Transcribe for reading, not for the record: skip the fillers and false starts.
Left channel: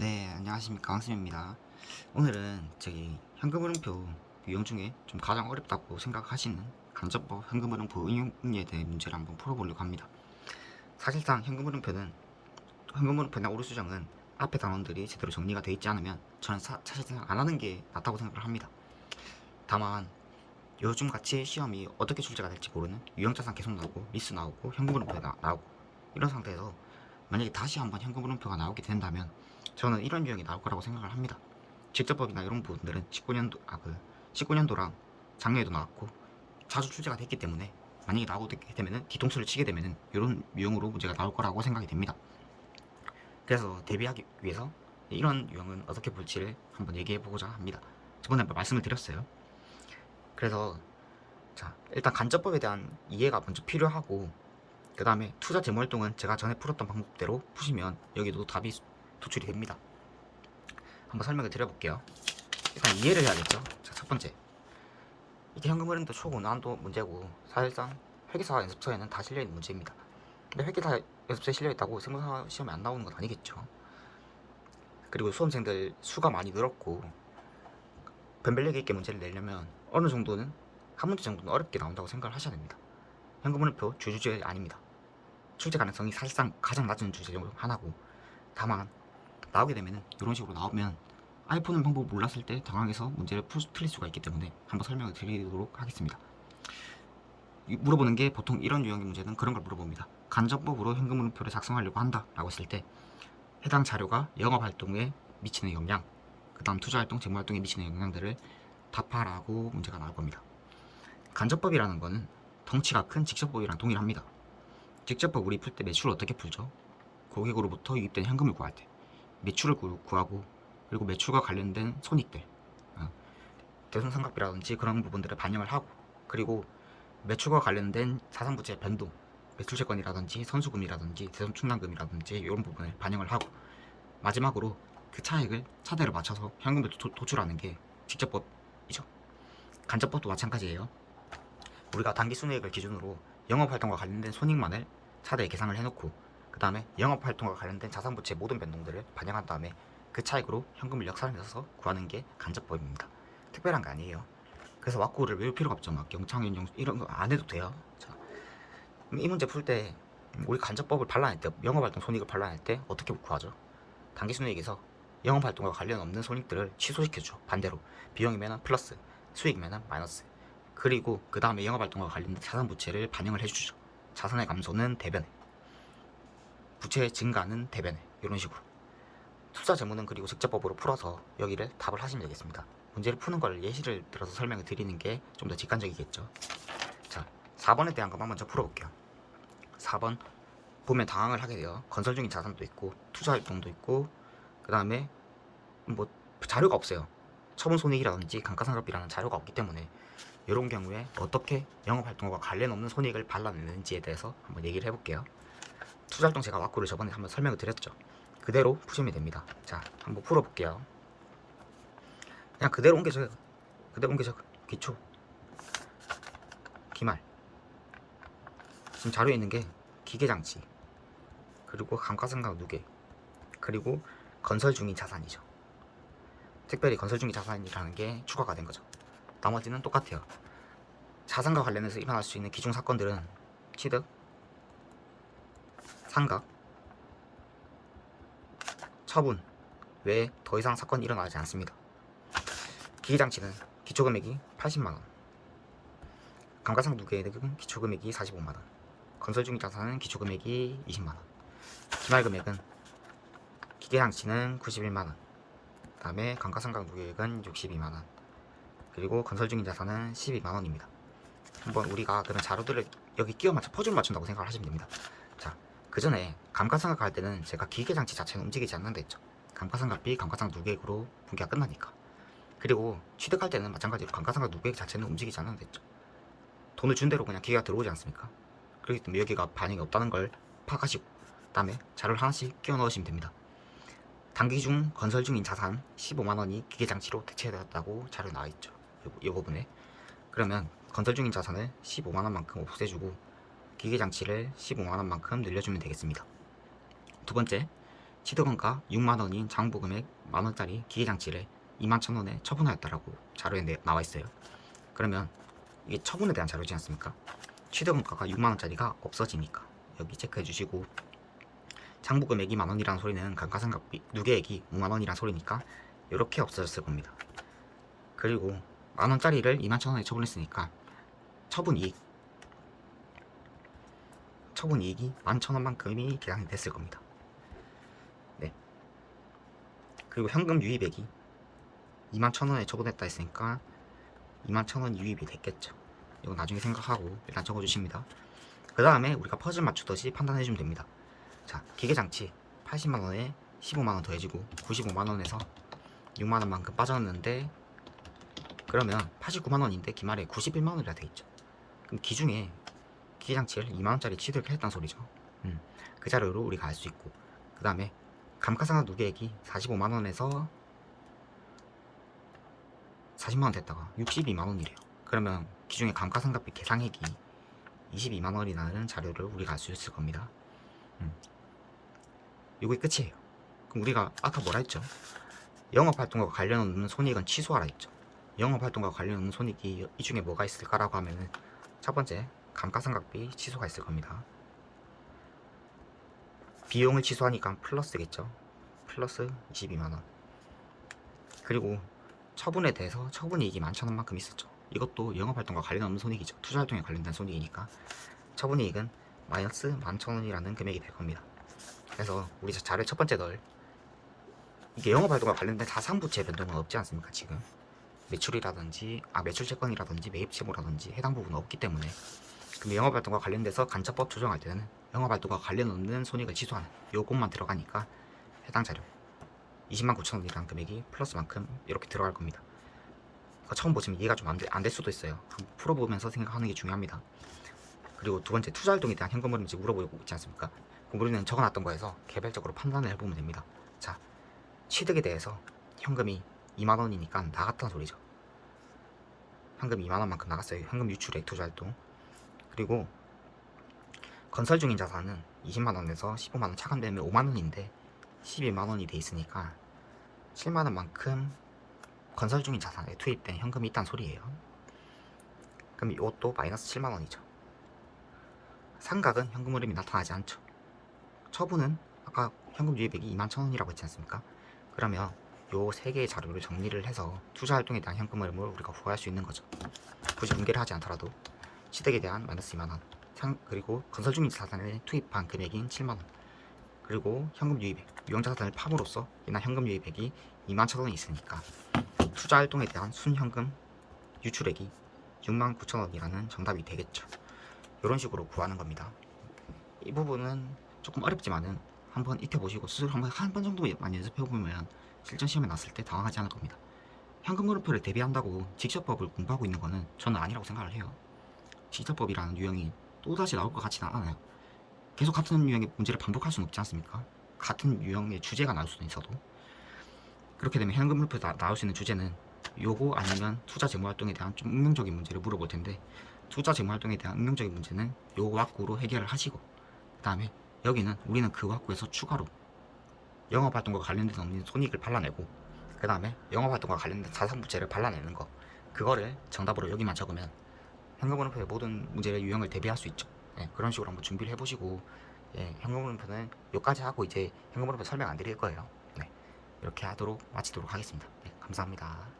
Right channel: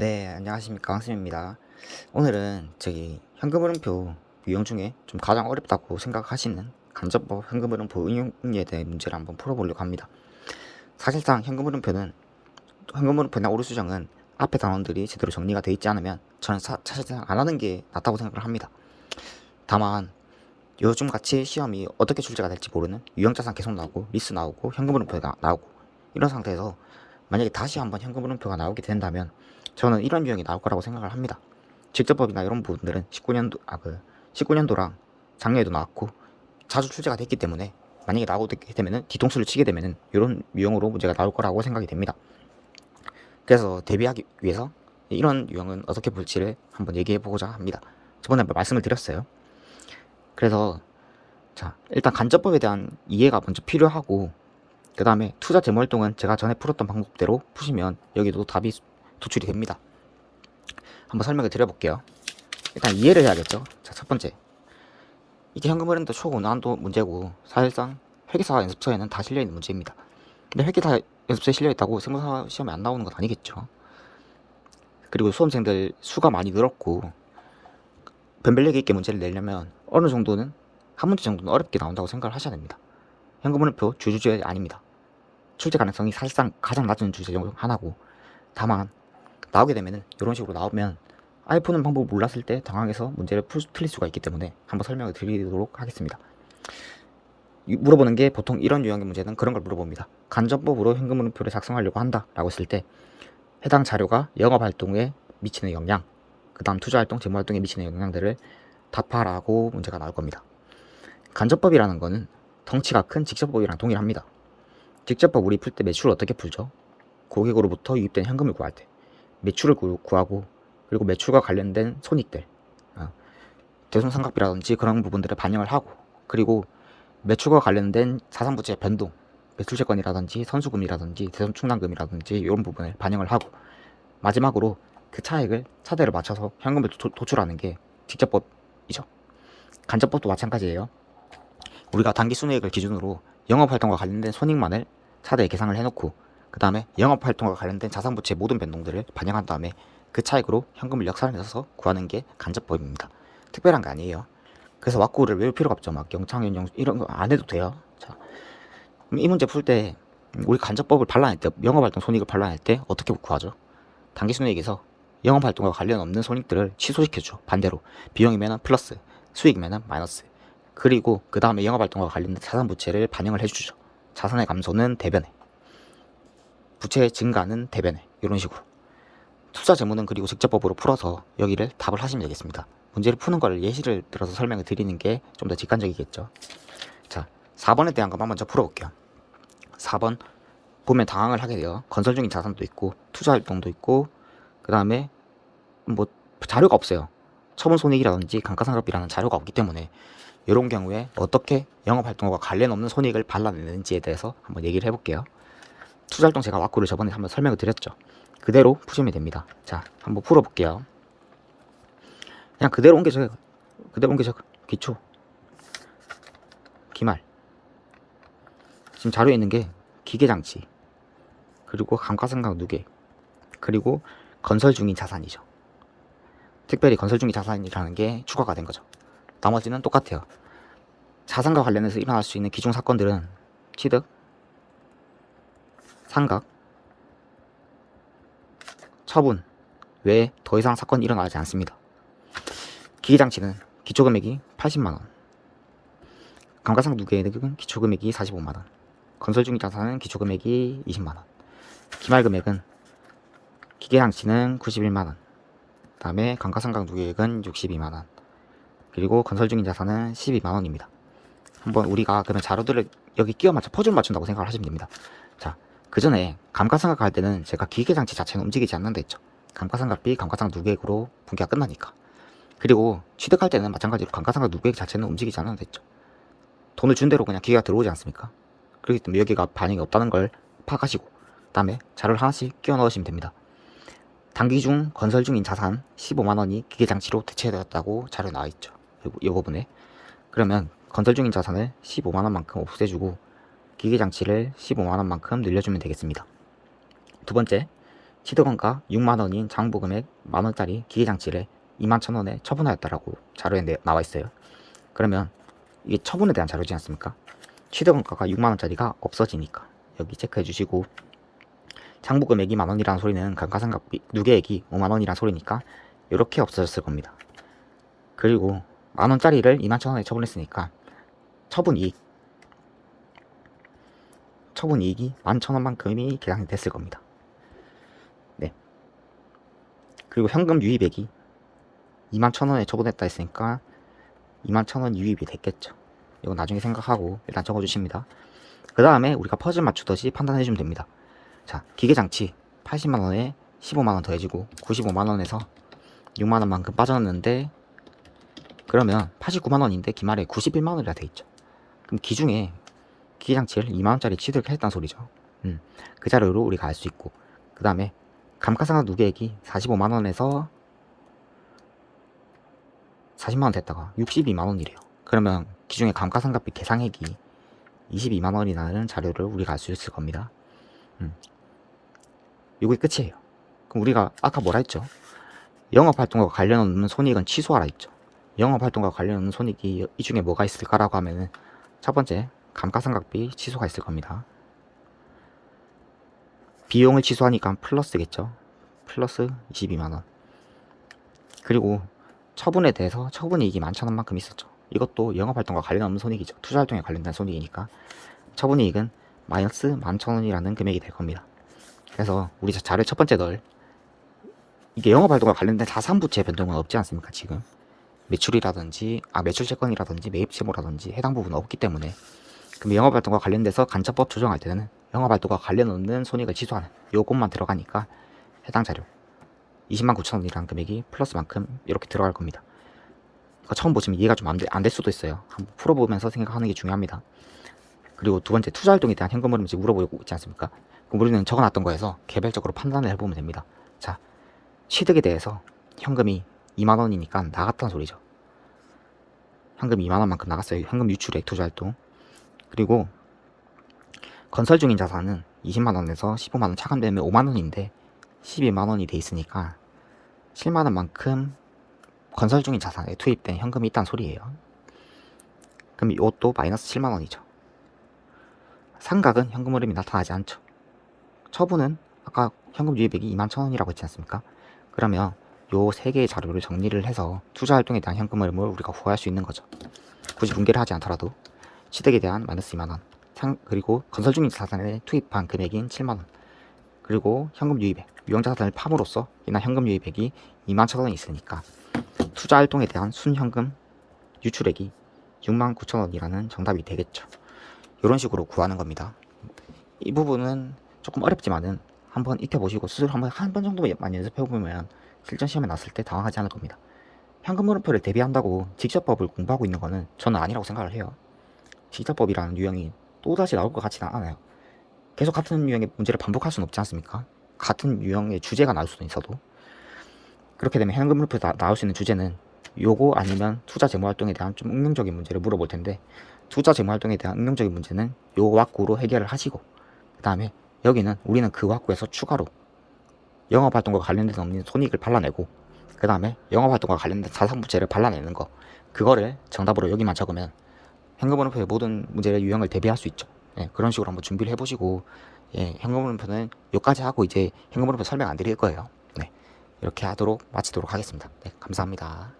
네, 안녕하십니까. 황쌤입니다. 오늘은 현금흐름표 유형 중에 좀 가장 어렵다고 생각하시는 간접법 현금흐름표 응용에 대한 문제를 한번 풀어보려고 합니다. 사실상 현금흐름표나 오류수정은 앞에 단원들이 제대로 정리가 되어 있지 않으면 저는 사실상 안 하는 게 낫다고 생각을 합니다. 다만 요즘 같이 시험이 어떻게 출제가 될지 모르는 유형자산 계속 나오고 미스 나오고 현금흐름표가 나오고 이런 상태에서 만약에 다시 한번 현금흐름표가 나오게 된다면 저는 이런 유형이 나올 거라고 생각을 합니다. 직접법이나 이런 부분들은 19년도랑 작년에도 나왔고 자주 출제가 됐기 때문에 만약에 나오게 되면은 뒤통수를 치게 되면은 이런 유형으로 문제가 나올 거라고 생각이 됩니다. 그래서 대비하기 위해서 이런 유형은 어떻게 볼지를 한번 얘기해 보고자 합니다. 저번에 말씀을 드렸어요. 그래서 일단 간접법에 대한 이해가 먼저 필요하고, 그 다음에 투자 재무활동은 제가 전에 풀었던 방법대로 푸시면 여기도 답이 도출이 됩니다. 한번 설명을 드려볼게요. 일단 이해를 해야겠죠. 자, 첫 번째, 이게 현금흐름도 초고난도 문제고 사실상 회계사 연습서에는 다 실려있는 문제입니다. 근데 회계사 연습서에 실려있다고 세무사 시험에 안 나오는 건 아니겠죠. 그리고 수험생들 수가 많이 늘었고 변별력 있게 문제를 내려면 어느 정도는 한 문제 정도는 어렵게 나온다고 생각을 하셔야 됩니다. 현금흐름표 주주제 아닙니다. 출제 가능성이 사실상 가장 낮은 주제 중 하나고, 다만 나오게 되면은 이런 식으로 나오면 아예 푸는 방법을 몰랐을 때 당황해서 문제를 틀릴 수가 있기 때문에 한번 설명을 드리도록 하겠습니다. 물어보는 게 보통 이런 유형의 문제는 그런 걸 물어봅니다. 간접법으로 현금흐름표를 작성하려고 한다 라고 했을 때 해당 자료가 영업활동에 미치는 영향, 그 다음 투자활동, 재무활동에 미치는 영향들을 답하라고 문제가 나올 겁니다. 간접법이라는 거는 덩치가 큰 직접법이랑 동일합니다. 직접법 우리 풀 때 매출을 어떻게 풀죠? 고객으로부터 유입된 현금을 구할 때 매출을 구하고, 그리고 매출과 관련된 손익들, 대손상각비라든지 그런 부분들을 반영을 하고, 그리고 매출과 관련된 자산부채 변동, 매출채권이라든지 선수금이라든지 대손충당금이라든지 이런 부분을 반영을 하고, 마지막으로 그 차액을 차대로 맞춰서 현금을 도출하는 게 직접법이죠. 간접법도 마찬가지예요. 우리가 당기순이익을 기준으로 영업활동과 관련된 손익만을 차대에 계상을 해놓고, 그 다음에 영업활동과 관련된 자산부채 모든 변동들을 반영한 다음에 그 차익으로 현금을 역산해서 구하는 게 간접법입니다. 특별한 게 아니에요. 그래서 왁구를 외울 필요가 없죠. 막 영창현 이런 거 안 해도 돼요. 자, 그럼 이 문제 풀 때 우리 간접법을 반란할 때, 영업활동 손익을 반란할 때 어떻게 구하죠? 당기순이익에서 영업활동과 관련 없는 손익들을 취소시켜줘. 반대로 비용이면 플러스, 수익이면 마이너스. 그리고 그 다음에 영업활동과 관련된 자산부채를 반영을 해주죠. 자산의 감소는 대변에, 부채의 증가는 대변에, 이런 식으로. 투자 재무는 그리고 직접법으로 풀어서 여기를 답을 하시면 되겠습니다. 문제를 푸는 걸 예시를 들어서 설명을 드리는 게 좀 더 직관적이겠죠. 자, 4번에 대한 것만 먼저 풀어볼게요. 4번 보면 당황을 하게 돼요. 건설 중인 자산도 있고 투자 활동도 있고, 그 다음에 뭐 자료가 없어요. 처분 손익이라든지 감가상각비라는 자료가 없기 때문에 이런 경우에 어떻게 영업활동과 관련 없는 손익을 발라내는지에 대해서 한번 얘기를 해볼게요. 투자활동 제가 왁구를 저번에 한번 설명을 드렸죠. 그대로 푸시면 됩니다. 자, 한번 풀어볼게요. 그냥 그대로 옮겨줘요. 그대로 옮겨줘. 기초, 기말. 지금 자료에 있는 게 기계장치, 그리고 감가상각 누계, 그리고 건설 중인 자산이죠. 특별히 건설 중인 자산이라는 게 추가가 된 거죠. 나머지는 똑같아요. 자산과 관련해서 일어날 수 있는 기존 사건들은 취득, 상각, 처분 외에 더 이상 사건이 일어나지 않습니다. 기계장치는 기초금액이 80만원, 감가상각 누계액은 기초금액이 45만원, 건설 중인 자산은 기초금액이 20만원, 기말금액은 기계장치는 91만원, 그 다음에 감가상각 누계액은 62만원, 그리고 건설 중인 자산은 12만원입니다. 한번 우리가 그러면 자료들을 여기 끼워 맞춰 퍼즐 맞춘다고 생각을 하시면 됩니다. 자, 그 전에 감가상각 할 때는 제가 기계장치 자체는 움직이지 않는다 했죠. 감가상각비, 감가상각 누계액으로 분기가 끝나니까. 그리고 취득할 때는 마찬가지로 감가상각 누계액 자체는 움직이지 않는다 했죠. 돈을 준 대로 그냥 기계가 들어오지 않습니까? 그렇기 때문에 여기가 반영이 없다는 걸 파악하시고, 그 다음에 자료를 하나씩 끼워 넣으시면 됩니다. 단기 중 건설 중인 자산 15만원이 기계장치로 대체되었다고 자료에 나와있죠. 이 부분에. 그러면 건설 중인 자산을 15만원만큼 없애주고 기계장치를 15만원만큼 늘려주면 되겠습니다. 두 번째, 취득원가 6만원인 장부금액 만원짜리 기계장치를 21,000원에 처분하였다라고 자료에 나와 있어요. 그러면 이게 처분에 대한 자료지 않습니까? 취득원가가 6만원짜리가 없어지니까 여기 체크해 주시고, 장부금액이 만원이라는 소리는 감가상각비 누계액이 5만원이라는 소리니까 이렇게 없어졌을 겁니다. 그리고 만원짜리를 21,000원에 처분했으니까 처분이익이 11,000원만큼이 계산이 됐을 겁니다. 네. 그리고 현금 유입액이 21,000원에 처분했다 했으니까 21,000원 유입이 됐겠죠. 이거 나중에 생각하고 일단 적어주십니다. 그 다음에 우리가 퍼즐 맞추듯이 판단해주면 됩니다. 자, 기계장치 80만원에 15만원 더해지고 95만원에서 6만원만큼 빠졌는데, 그러면 89만원인데 기말에 91만원이라 돼있죠. 그럼 기중에 기계장치를 2만원짜리 취득을 했다는 소리죠. 그 자료로 우리가 알 수 있고, 그 다음에 감가상각 누계액이 45만원에서 40만원 됐다가 62만원이래요. 그러면 기중에 감가상각비 계상액이 22만원이라는 자료를 우리가 알 수 있을 겁니다. 이게 끝이에요. 그럼 우리가 아까 뭐라 했죠? 영업활동과 관련 없는 손익은 취소하라 했죠. 영업활동과 관련 없는 손익이 이 중에 뭐가 있을까라고 하면은 첫 번째 감가상각비 취소가 있을 겁니다. 비용을 취소하니까 플러스겠죠. 플러스 22만원. 그리고 처분에 대해서 처분이익이 11,000원만큼 있었죠. 이것도 영업활동과 관련 없는 손익이죠. 투자활동에 관련된 손익이니까 처분이익은 마이너스 11,000원이라는 금액이 될 겁니다. 그래서 우리 자료 첫 번째 널, 이게 영업활동과 관련된 자산부채 변동은 없지 않습니까? 지금 매출이라든지 매출채권이라든지 매입채무라든지 해당 부분은 없기 때문에, 그럼 영업활동과 관련돼서 간접법 조정할 때는 영업활동과 관련 없는 손익을 취소하는 요것만 들어가니까 해당 자료 209,000원이라는 금액이 플러스만큼 이렇게 들어갈 겁니다. 그러니까 처음 보시면 이해가 좀 안 될 수도 있어요. 한번 풀어보면서 생각하는 게 중요합니다. 그리고 두 번째, 투자활동에 대한 현금 흐름인지 물어보고 있지 않습니까? 그럼 우리는 적어놨던 거에서 개별적으로 판단을 해보면 됩니다. 자, 취득에 대해서 현금이 2만원이니까 나갔다는 소리죠. 현금 2만원만큼 나갔어요. 현금 유출액 투자활동. 그리고 건설 중인 자산은 20만원에서 15만원 차감되면 5만원인데 12만원이 돼 있으니까 7만원만큼 건설 중인 자산에 투입된 현금이 있다는 소리예요. 그럼 이것도 마이너스 7만원이죠. 상각은 현금 흐름이 나타나지 않죠. 처분은 아까 현금 유입액이 21,000원이라고 했지 않습니까? 그러면 요 세 개의 자료를 정리를 해서 투자활동에 대한 현금 흐름을 우리가 구할 수 있는 거죠. 굳이 분개를 하지 않더라도 취득에 대한 마이너스 2만원, 그리고 건설 중인 자산에 투입한 금액인 7만원, 그리고 현금 유입액, 유형자산을 팜으로써 인한 현금 유입액이 21,000원이 있으니까 투자활동에 대한 순현금 유출액이 69,000원이라는 정답이 되겠죠. 이런 식으로 구하는 겁니다. 이 부분은 조금 어렵지만은 한번 익혀보시고 스스로 한 번 정도만 연습해보면 실전 시험에 났을 때 당황하지 않을 겁니다. 현금 흐름표를 대비한다고 직접법을 공부하고 있는 거는 저는 아니라고 생각을 해요. 직접법이라는 유형이 또다시 나올 것 같지는 않아요. 계속 같은 유형의 문제를 반복할 수는 없지 않습니까? 같은 유형의 주제가 나올 수도 있어도. 그렇게 되면 현금 흐름표 나올 수 있는 주제는 요거 아니면 투자 재무활동에 대한 좀 응용적인 문제를 물어볼 텐데, 투자 재무활동에 대한 응용적인 문제는 요 왁구로 해결을 하시고, 그 다음에 여기는 우리는 그 왁구에서 추가로 영업활동과 관련돼서 없는 손익을 발라내고, 그 다음에 영업활동과 관련된 자산부채를 발라내는 거, 그거를 정답으로 여기만 적으면 현금흐름표의 모든 문제의 유형을 대비할 수 있죠. 예, 그런 식으로 한번 준비를 해보시고, 예, 현금흐름표는 여기까지 하고 이제 현금흐름표 설명 안 드릴 거예요. 네, 이렇게 하도록 마치도록 하겠습니다. 네, 감사합니다.